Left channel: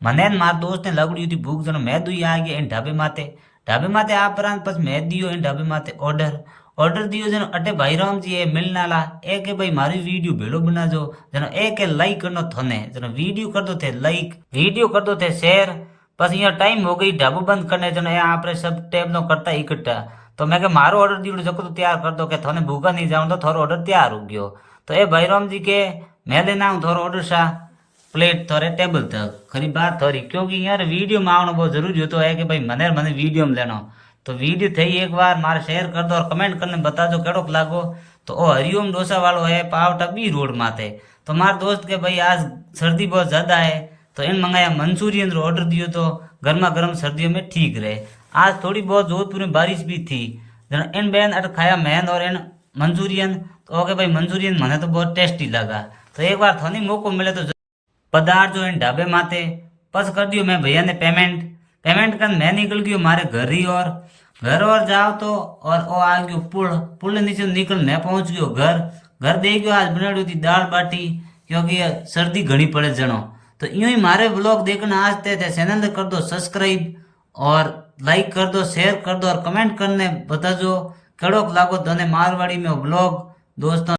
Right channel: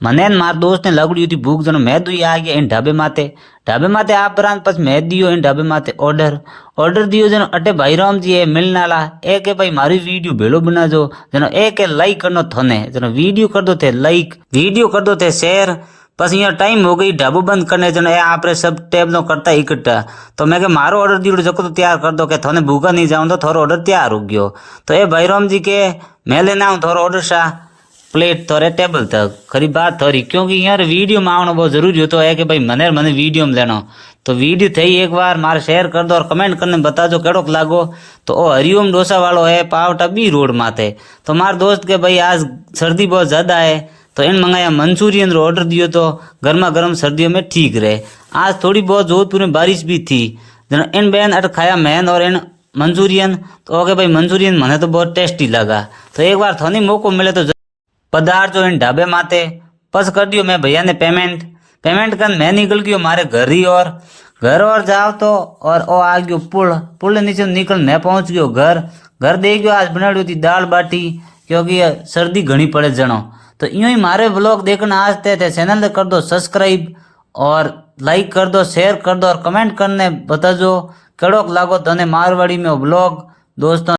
મને ને મારા દોસ્તને લગડ્યું હતી ભૂખ જણો મેં દુઈ આ ગયા એને ઢાબે માથે આ પરાંત પછી મેં દિયો એને ઢાબે માથે ઓર્ડર દિયો જનો અટે ભાઈરામજી એ મિલનાલા એ કે ભાઈ મારી વિડીયો ભેલો બનાજો જનો એ કે લાઈક કરનો થને જનો વિડીયો कर दो थे लाइक वीडियो कर दो थे शेयर बस यहाँ टाइम हो गई ढाबू बंद करने जनो ए आपरे सब टेब नो करता इकट्ठा तो मैं के मारो ऑर्डर दियो जको तो तैयार कर दो के थोने भूखा नहीं जाऊं तो थोड़ा ऑर्डर तैयार हो गयो तो ए भाईराम जी के मैं लेना आऊं थोड़ा ऑर्डर सा प्लेट थोड़े टेबल तक खरी बात थोड़ी क्योंकि यार वीडियो में आना बहुत जरूरी होता है कि भाई मने वीडियो में लेना तो वीडियो थी एक बार मारे शेयर कर दो और कमेंट करने बता दो केड़ोक लागो तो ओ हरिओम डोसा वालों है पावटा बी रोड माथे तो मार दोस्त के भाई आज सर्दी बहुत ज्यादा है तो इन मंगाया मंचूरियन रो ऑर्डर दियो तो गर्मा गर्म सर्दियों में ठीक रहे। आज थोड़ी बहुत जोधपुर में बारिश भी थी इन बहन अट खाया मैन और इन मंचूरियन तो ओके भाई मंचूरियन मने तो बहुत टेस्टी लगा तो एक बार थोड़ी मौको मिले तो पदार्थ जो इन ढाबे माथे बस कर दियो मैं भैया ने पेमेंट कर मैं निकल गयो मारे घर और जाओ तो और ओ आ गयो पुल नीचे निकल मैं पहुंच गयो घर दे गयो आज बनाड़ी थी दाल बाटी क्योंकि सर्दी घनी पड़े जनो तो यूं ही मारे व्लॉग देखना आज थे चैनल कर दो सब्सक्राइब और लाइक कर दो शेयर कर दो और कमेंट करने बताजो कड़ोक लागो तने मारवाड़ी में व्लॉग दोस्तों।